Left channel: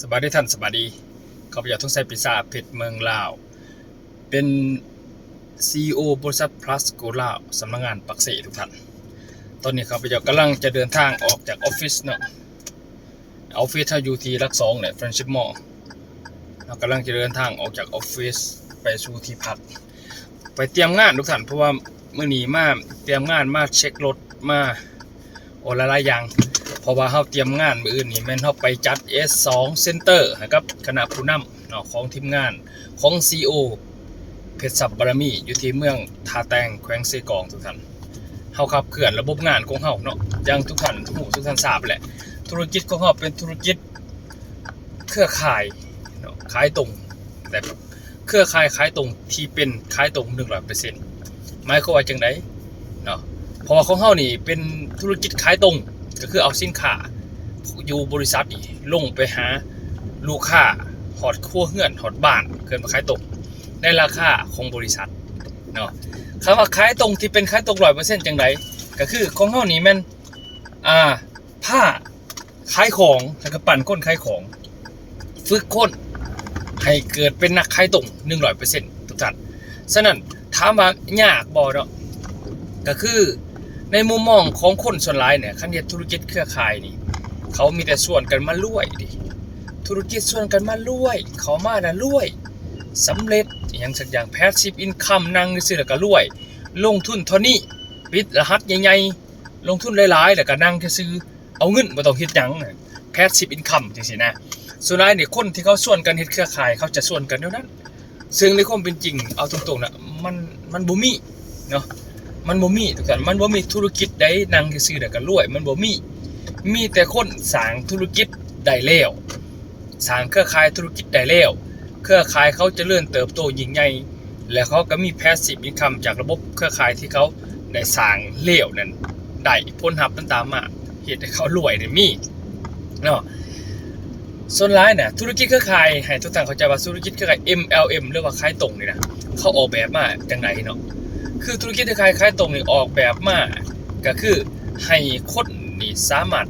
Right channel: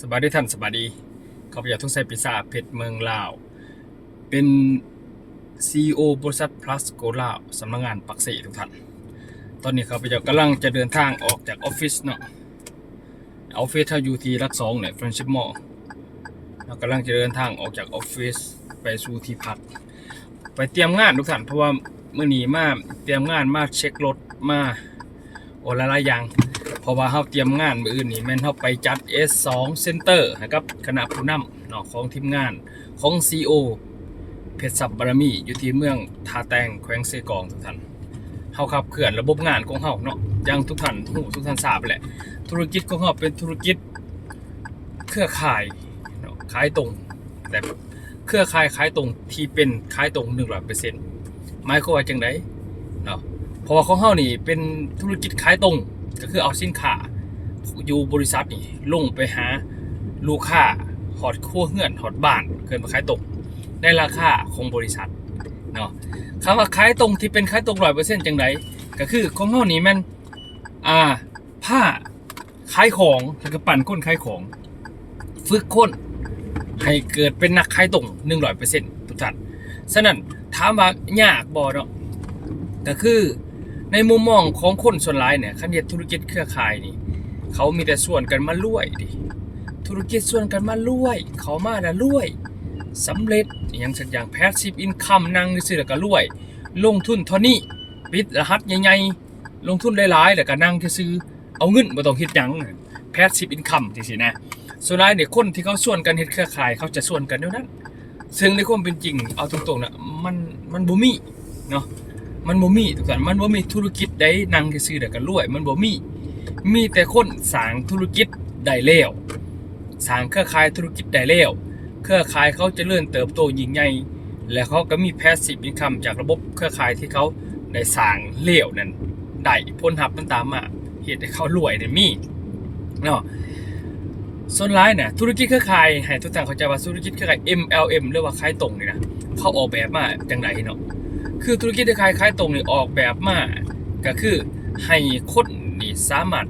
สบายดีท่านสบายดีข้าพเจ้าทุ่งไซปิซาเพชรเมืองลาว เป็น CEO บริษัท plus go ลาวสำนักงานปักเสทุกท่าน ตอนนี้ข้าพเจ้ากำลังจะเดินทางออกจากออฟฟิศเนาะออฟฟิศถ้าอยู่ที่รักสองเนี่ย Friendship Mall เรากำลังจะเดินทางออกจากออฟฟิศไปสู่ที่พัก ไปเตรียมงานทุกท่านเพราะว่าเมื่อนี้มาเตรียมงานมาเช็ครถมาโอละลายอย่าง เพราะว่าเฮาเตรียมงานมื้ออื่นนี่แม่นเฮาไปจัด S2 Center ให้กับคณะผู้นำเนาะของทีมงานของ CEO เพชรศัพย์บารมีอยู่ที่เมืองทาแตงแขวงเซกองทุกท่านเฮาขับเคลื่อนระบบงานของเฮาเนาะอย่างทุกท่านฮู้ทุกท่านทราบแหละ ธุรกิจของเฮาเป็นธุรกิจเครือข่ายเนาะขายตรง แต่เครือข่ายขายตรงที่เป็นขายตรง100%หมายความว่าจังไดเนาะเพราะว่าของเฮานี่เป็นธุรกิจขายตรง ก็คือเอาสินค้าอยู่บริษัทนี่ลงไปหาลูกค้าหอดครัวเฮือนหอดบ้านเกินมาขายตรงในราคาของบริษัทเนาะคำว่าขายตรงที่เป็นขายตรงร้อยเปอร์เซ็นต์จังไดก็คือของเฮานี่แมันอ่าผ้าขายของแล้วก็ปั่นคนขายของ ฝึกคนให้เกิดเป็นนักขายตรงหนึ่งร้อยเปอร์เซ็นต์ทุกท่านฉะนั้นถามว่ายากบ่เนาะก็คือ ในมุมมองของคนส่วนหลายเนี่ยคันเฮ็ดธุรกิจเครือข่ายนี่ เขามีแต่ส่วนกันมารวยดิธุรกิจส่วนกันมารวย เขามาแล้วรวยสำเร็จอย่างสักอย่างแพสซีฟอินคัมนั่งซื้อแล้วก็รวย ลงทุนเท่านี้ปิดรหัสใหญ่ๆลงทุนหลายๆแล้วก็นั่งซื้อเอาเงินบ่ต้องเฮ็ดหยังแพสซีฟอินคัมจังซี่นะส่วนหลายเนี่ยคนที่เขาส่วนกันเฮ็ดเครือข่าย เขาจะส่วนกันเท่านั้น ซึ่งในความเป็นจริงเอาตรงๆนะมันมันบ่มีเนาะ มันบ่มีทุกท่านมันบ่มีธุรกิจใดนั่งซื่อแล้วก็รวย มันบ่มีมีแต่คนสร้างธุรกิจได้แล้วสร้างเครือข่ายธุรกิจได้แล้วเครือข่ายเขาจะเจริญเติบโตยิ่งใหญ่และเขาก็มี passive income จากระบบเครือข่ายที่เขาได้สร้างแล้วนั่นได้ผลลัพธ์มันตามมาเฮ็ดให้เขารวยได้มีเนาะส่วนหลายน่ะธุรกิจเครือข่ายให้ทุกท่านเข้าใจว่าธุรกิจเครือข่าย MLM หรือว่าขายตรงนี่นะเขาออกแบบมาจังไดเนาะ คือธุรกิจที่คล้ายคล้ายตรงนี่ออกแบบมาก็คือให้คนนี่สามารถ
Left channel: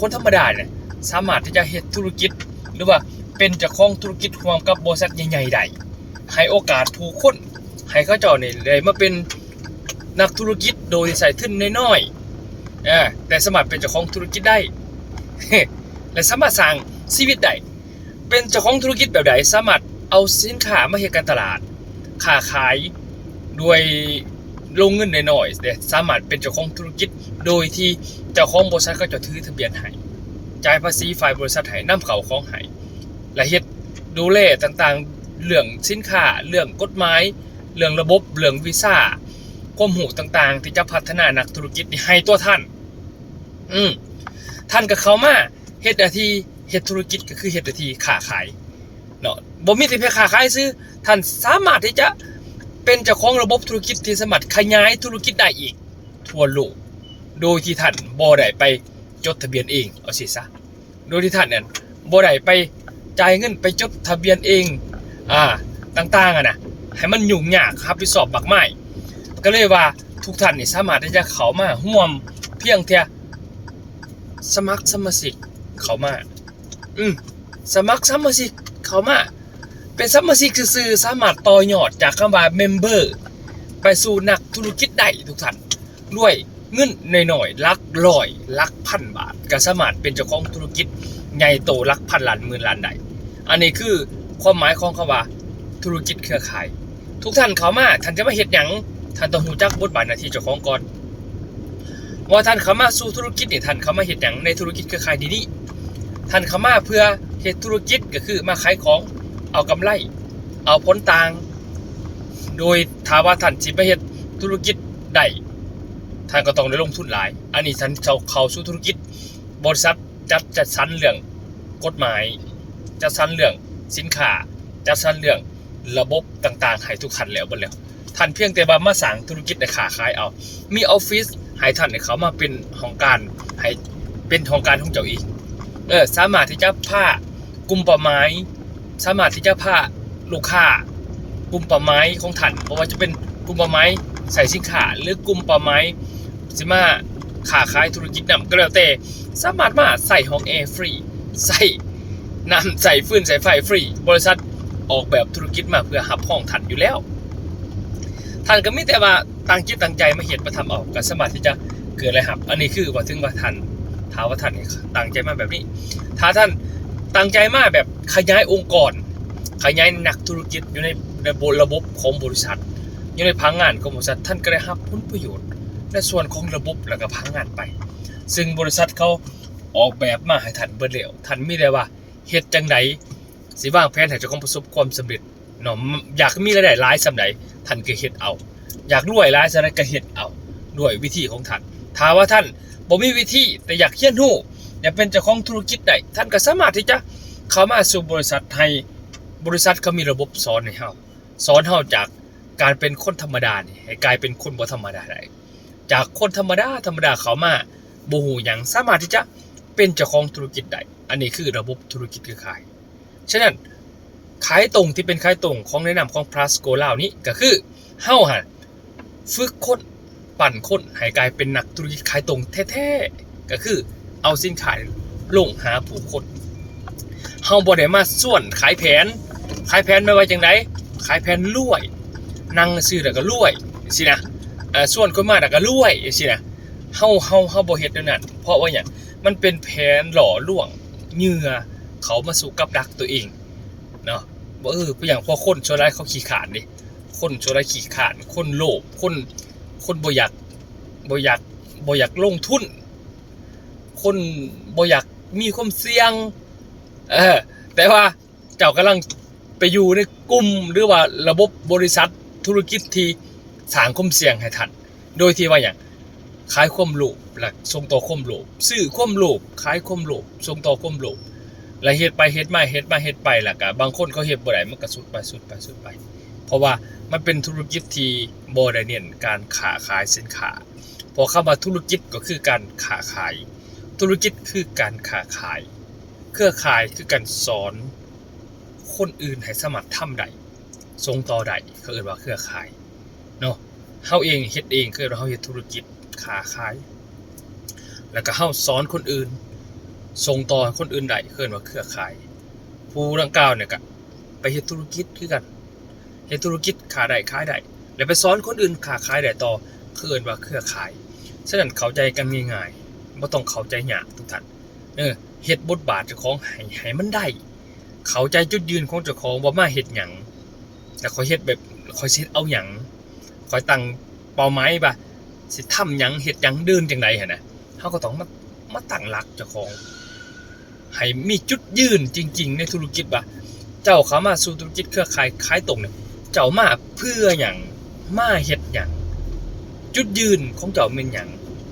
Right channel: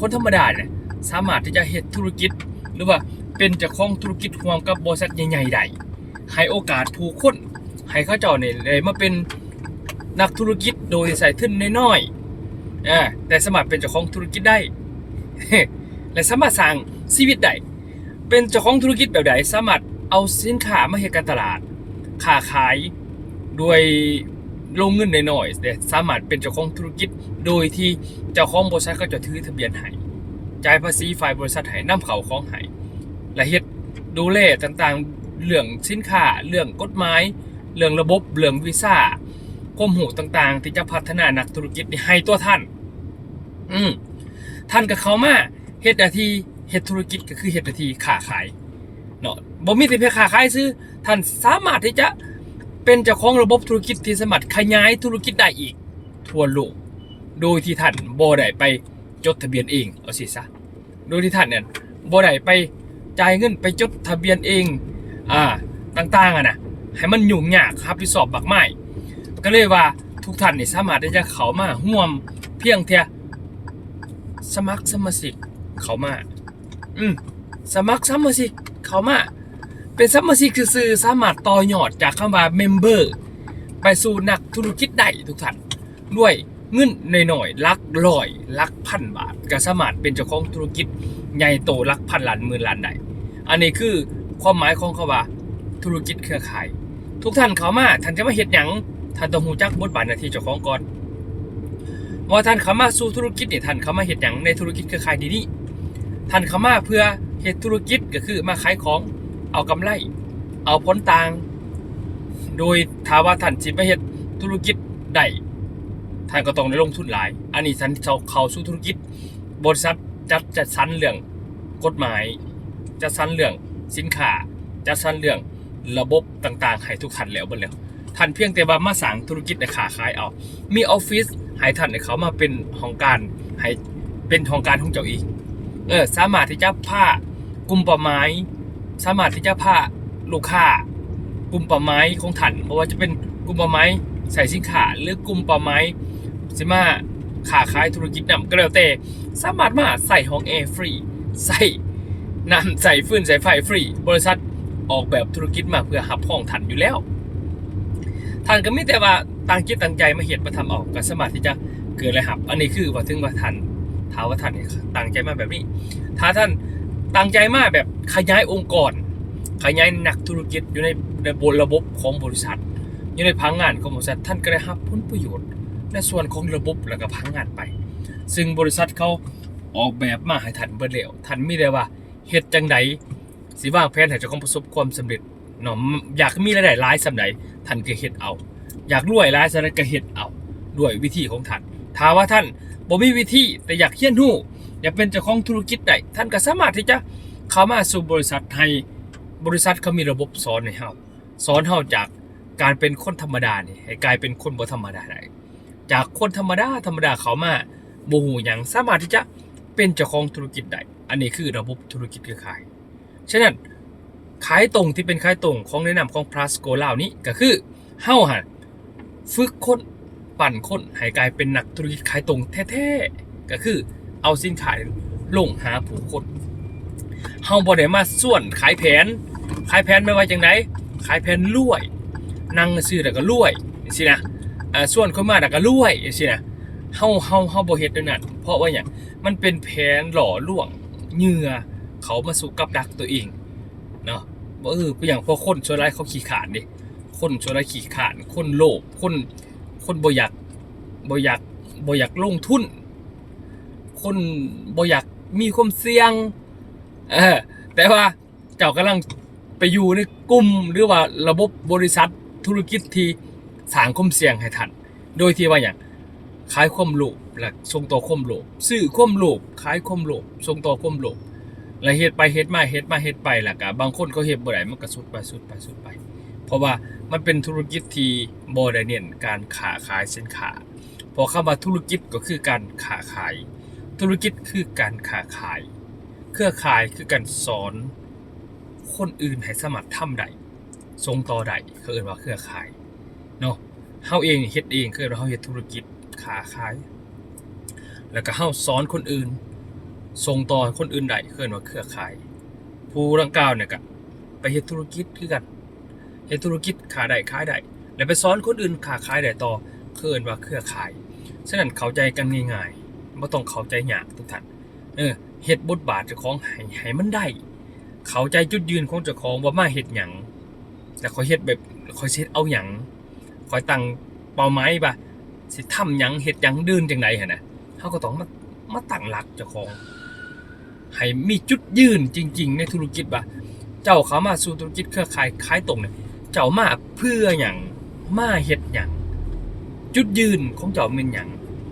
คนธรรมดาเนี่ยสามารถที่จะเฮ็ดธุรกิจ หรือว่าเป็นเจ้าของธุรกิจร่วมกับบริษัทใหญ่ๆได้ให้โอกาสผู้คนให้เขาเจ้าเนี่ยได้มาเป็นนักธุรกิจโดยใส่ทุนน้อยๆอ่าแต่สามารถเป็นเจ้าของธุรกิจได้ และสามารถสร้างชีวิตได้เป็นเจ้าของธุรกิจแบบใดสามารถเอาสินค้ามาเฮ็ดการตลาดค้าขายด้วย ลงเงินหน่อยๆแต่สามารถเป็นเจ้าของธุรกิจ โดยที่เจ้าของบริษัทก็จะถือทะเบียนให้จ่ายภาษีฝ่ายบริษัทให้นำเข้าของให้และเฮ็ดดูแลต่างๆ เรื่องสินค้า เรื่องกฎหมาย เรื่องระบบ เรื่องวีซ่าความหูต่างๆ ที่จะพัฒนานักธุรกิจนี่ให้ตัวท่าน อืมท่านก็เข้ามาเฮ็ดหน้าที่เฮ็ดธุรกิจก็คือเฮ็ดหน้าที่ค้าขายเนาะบ่มีแต่เพียงค้าขายซื้อท่านสามารถที่จะ เป็นเจ้าของระบบธุรกิจที่สามารถขยายธุรกิจได้อีก ทั่วโลก โดยที่ท่านบ่ได้ไปจดทะเบียนเองเอาสิซะ โดยที่ท่านเนี่ยบ่ได้ไปจ่ายเงินไปจดทะเบียนเอง อ่า ต่างๆอะนะ ให้มันยุ่งยากครับที่สอบบักไม้ก็เลยว่าทุกท่านนี่สามารถที่จะเข้ามาร่วมเพียงแค่สมัครสมาชิกเข้ามา อืมสมัครสมาชิกเข้ามา เป็นสมาชิกซื่อสามารถต่อยอดจากคำว่า member ไปสู่นักธุรกิจได้ทุกท่านด้วยเงินหน่อยๆลักร้อยลักพันบาทก็สามารถเป็นเจ้าของธุรกิจใหญ่โตลักพันล้านหมื่นล้านได้อันนี้คือความหมายของคำว่าธุรกิจเครือข่าย ทุกท่านเข้ามาท่านจะมาเฮ็ดหยังท่านต้องรู้จักบทบาทหน้าที่เจ้าของก่อนว่าท่านเข้ามาสู่ธุรกิจเนี่ยท่านเข้ามาเฮ็ดหยังในธุรกิจเครือข่ายดีๆท่านเข้ามาเพื่อเฮ็ดธุรกิจก็คือมาขายของ เอากำไร เอาผลต่าง โดยถาว่าท่านสิไปเฮ็ดธุรกิจได้ท่านก็ต้องได้ลงทุนหลาย อันนี้ท่านเข้าเขาสู่ธุรกิจ บริษัทจัดจัดสรรเรื่องกฎหมาย จัดสรรเรื่องสินค้า จัดสรรเรื่องระบบต่างๆให้ทุกท่านแล้วบ่แล้วท่านเพียงแต่ว่ามาสร้างธุรกิจในขาขายเอา มีออฟฟิศให้ท่านให้เขามาเป็นของการให้เป็นของการของเจ้าเองเออ สามารถที่จะพากลุ่มเป้าหมาย สามารถที่จะพาลูกค้ากลุ่มป้าหมายของท่านเพราะว่าจะเป็นกลุ่มป้าหมายใส่สินค้าหรือกลุ่มป้าหมายสิมาค้าขายธุรกิจนำก็แล้วแต่สามารถมาใส่ห้องแอร์ฟรีใส่น้ำใส่ฟืนใส่ไฟฟรี บริษัทออกแบบธุรกิจมาเพื่อหับห้องทันอยู่แล้วท่านก็ไม่แต่ว่าตั้งจิตตั้งใจมาเห็นมาทำออกก็สามารถที่จะเกิดอะไรหับ อันนี้คือว่าถึงว่าท่านท้าว่าท่านเนี่ยตั้งใจมาแบบนี้ ถ้าท่าน ตั้งใจมากแบบขยายองค์กร ขยายหนักธุรกิจอยู่ในระบบระบบของบริษัท อยู่ในพังงานของบริษัทท่านก็ได้รับผลประโยชน์ ในส่วนของระบบแล้วก็พังงานไป ซึ่งบริษัทเขาออกแบบมาให้ท่านเบิดแล้วท่านมีได้ว่าเฮ็ดจังไดสิวางแผนให้เจ้าของประสบความสำเร็จเนาะอยากมีรายได้หลายสำใดท่านก็เฮ็ดเอา อยากรวยหลายสำใดก็เฮ็ดเอาด้วยวิธีของท่านถ้าว่าท่านบ่มีวิธีแต่อยากเรียนรู้ อยากเป็นเจ้าของธุรกิจได้ท่านก็สามารถที่จะเข้ามาสู่บริษัทให้บริษัทเขามีระบบสอนให้เฮาสอนเฮาจากการเป็นคนธรรมดานี่ให้กลายเป็นคนบ่ธรรมดาได้จากคนธรรมดาธรรมดาเขามาบูหูหยังสามารถที่จะเป็นเจ้าของธุรกิจได้อันนี้คือระบบธุรกิจเครือข่ายฉะนั้นขายตรงที่เป็นขายตรงของแนะนำของ plus go ลาวนี้ก็คือเฮาฮะฝึกคนปั่นคนให้กลายเป็นนักธุรกิจขายตรงแท้ๆก็คือ เอาสินค้าลงหาผู้คนเฮาบ่ได้มาส่วนขายแผน ขายแผนไม่ว่าจังไดขายแผนรวยนั่งซื้อแล้วก็รวยสินะอ่าส่วนคนมาแต่ก็รวยจังซี่นะเฮาเฮาเฮาบ่เฮ็ดนั่นเพราะว่าหยังมันเป็นแผนหล่อลวงเหยื่อเขามาสู่กับดักตัวเองเนาะบ่เอออย่างพอคนชั่วร้ายเขาขี้ขาดนี่คนชั่วร้ายขี้ขาดคนโลภคนคนบ่อยากบ่อยากบ่อยากลงทุน คนบ่อยากมีความเสี่ยง เออ แต่ว่าเจ้ากำลังไปอยู่ในกลุ่มหรือว่าระบบบริษัทธุรกิจที่สร้างความเสี่ยงให้ท่านโดยที่ว่าอย่างขายความโลภและส่งต่อความโลภซื้อความโลภขายความโลภส่งต่อความโลภและเฮ็ดไปเฮ็ดมาเฮ็ดมาเฮ็ดไปล่ะก็บางคนเขาเฮ็ดบ่ได้มันก็สุดไปสุดไปสุดไป เพราะว่ามันเป็นธุรกิจที่บ่ได้เน้นการค้าขายสินค้าพอคำว่าธุรกิจก็คือการค้าขาย ธุรกิจคือการค้าขาย เครือข่ายคือการสอน คนอื่นให้สามารถทำได้ส่งต่อได้เขาเรียกว่าเครือข่ายเนาะเฮาเองเฮ็ดเองคือเราเฮาเฮ็ดธุรกิจค้าขาย แล้วก็เฮาสอนคนอื่นส่งต่อคนอื่นได้คือว่าเครือข่าย ผู้ดังกล่าวเนี่ยก็ไปเฮ็ดธุรกิจคือกันเฮ็ดธุรกิจค้าได้ขายได้แล้วไปสอนคนอื่นค้าขายได้ต่อคือว่าเครือข่ายฉะนั้นเข้าใจกันง่ายๆ บ่ต้องเข้าใจยากทุกท่านเออเฮ็ดบทบาทเจ้าของให้ให้มันได้ เข้าใจจุดยืนของเจ้าของว่ามาเฮ็ดหยังแต่ขอยเฮ็ดแบบขอยเฮ็ดเอาหยังคอยตั้งเป้าหมายปะสิทำหยังเฮ็ดหยังเดินจังไดหั่นน่ะเฮาก็ต้องมามาตั้งหลักเจ้าของให้มีจุดยืนจริง ๆ ในธุรกิจปะเจ้าเข้ามาสู่ธุรกิจเครือข่ายขายตรงเนี่ยเจ้ามาเพื่อหยังมาเฮ็ดหยังจุดยืนของเจ้าเป็นหยัง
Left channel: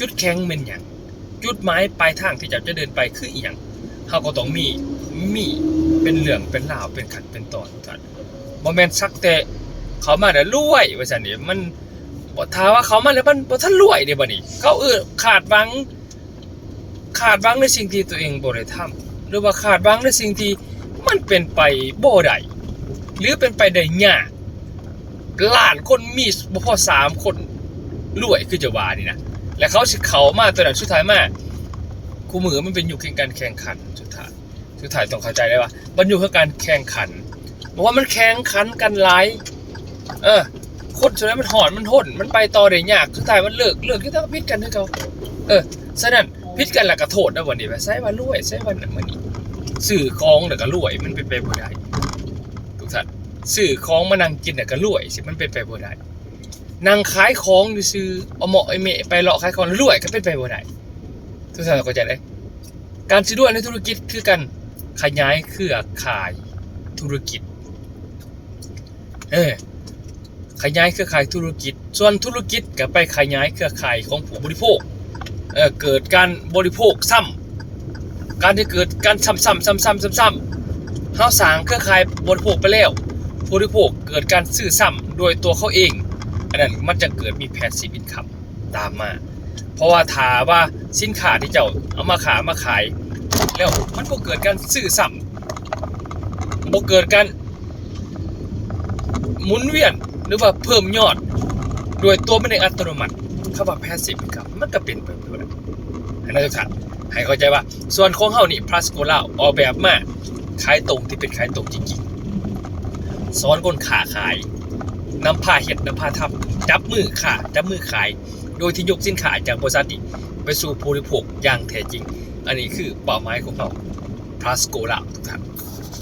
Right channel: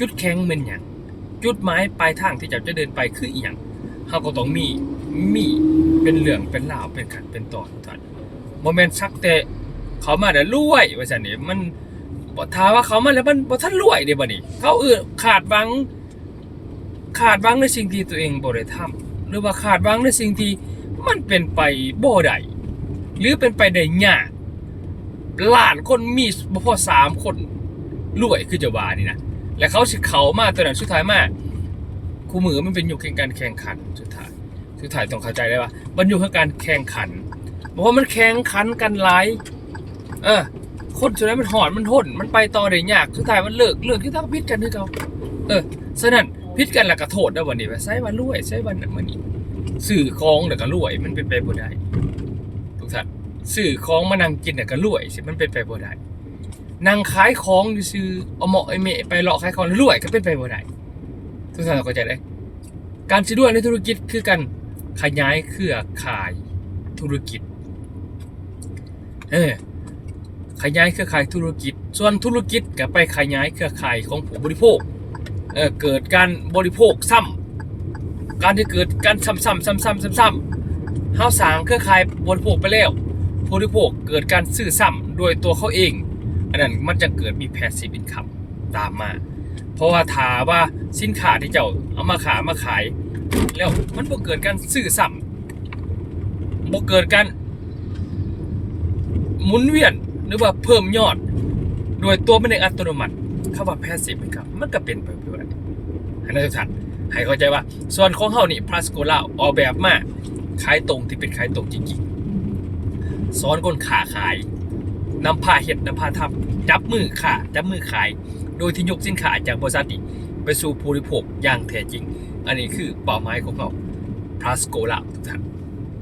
จุดแข็งเป็นหยัง จุดหมายปลายทางที่เจ้าจะเดินไปคืออีหยังเฮาก็ต้องมีมีเป็นเรื่องเป็นราวเป็นขันเป็นตอนท่านบ่แม่นสักแต่เขามาแล้วรวยว่าซั่นนี่มันบ่ท้าว่าเขามาแล้วมันบ่ทันรวยเด้บัดนี้เขาเออขาดหวัง ขาดหวังในสิ่งที่ตัวเองบ่ได้ทำหรือว่าขาดหวังในสิ่งที่มันเป็นไปบ่ได้หรือเป็นไปได้ยากล้านคนมีบ่พอสามคนรวยคือจะว่านี่นะ และเขาเขามาตัวนั้นสุดท้ายมาคู่มือมันเป็นอยุคแห่งการแข่งขันสุดท้ายสุดท้ายต้องเข้าใจได้ว่ามันอยู่กับการแข่งขันบอกว่ามันแข่งขันกันหลายเออคนส่วนนั้นมันหอนมันทนมันไปต่อได้ยากสุดท้ายมันเลิกเลิกที่ต้องพิษกันให้เขาเออฉะนั้นพิษกันแล้วก็โทษได้วันนี้ว่าใช้วันรวยใช้วันนั้นวันนี้สื่อของแล้วก็รวยมันเป็นไปบ่ได้ทุกท่านสื่อของมานั่งกินแล้วก็รวยสิมันเป็นไปบ่ได้ นั่งขายของซื้อเอาเหมาะไอเมะไปเลาะขายของรวยก็เป็นไปบ่ได้ทุกท่านเข้าใจได้การสิรวยในธุรกิจคือการขยายเครือข่ายธุรกิจ เออขยายเครือข่ายธุรกิจ ส่วนธุรกิจก็ไปขยายเครือข่ายของผู้บริโภค เออเกิดการบริโภคซ้ำการที่เกิดการซ้ำๆซ้ำๆซ้ำๆเฮาสร้างเครือข่ายบริโภคไปแล้วผู้บริโภคเกิดการซื้อซ้ำโดยตัวเขาเอง อันนั้นมันจะเกิดมีแพสซีฟอินคัมตามมา เพราะว่าถาว่าสินค้าที่เจ้าเอามาขายมาขาย แล้วมันก็เกิดการซื้อซ้ำบ่เกิดการหมุนเวียนหรือว่าเพิ่มยอด โดยตัวมันเองอัตโนมัติคำว่า passive income มันก็เป็นไปได้ให้นักศึกษาให้เข้าใจว่า ส่วนของเฮานี่ plus โกล่าออกแบบมาขายตรงที่เป็นขายตรงจริงๆสอนคนขาขาย นำพาเห็ดนำพาทำจับมือขาจับมือขาย โดยที่ยกสินค้าจากบริษัทไปสู่ผู้บริโภคอย่างแท้จริง อันนี้คือเป้าหมายของเราทัสโกลาทุกท่าน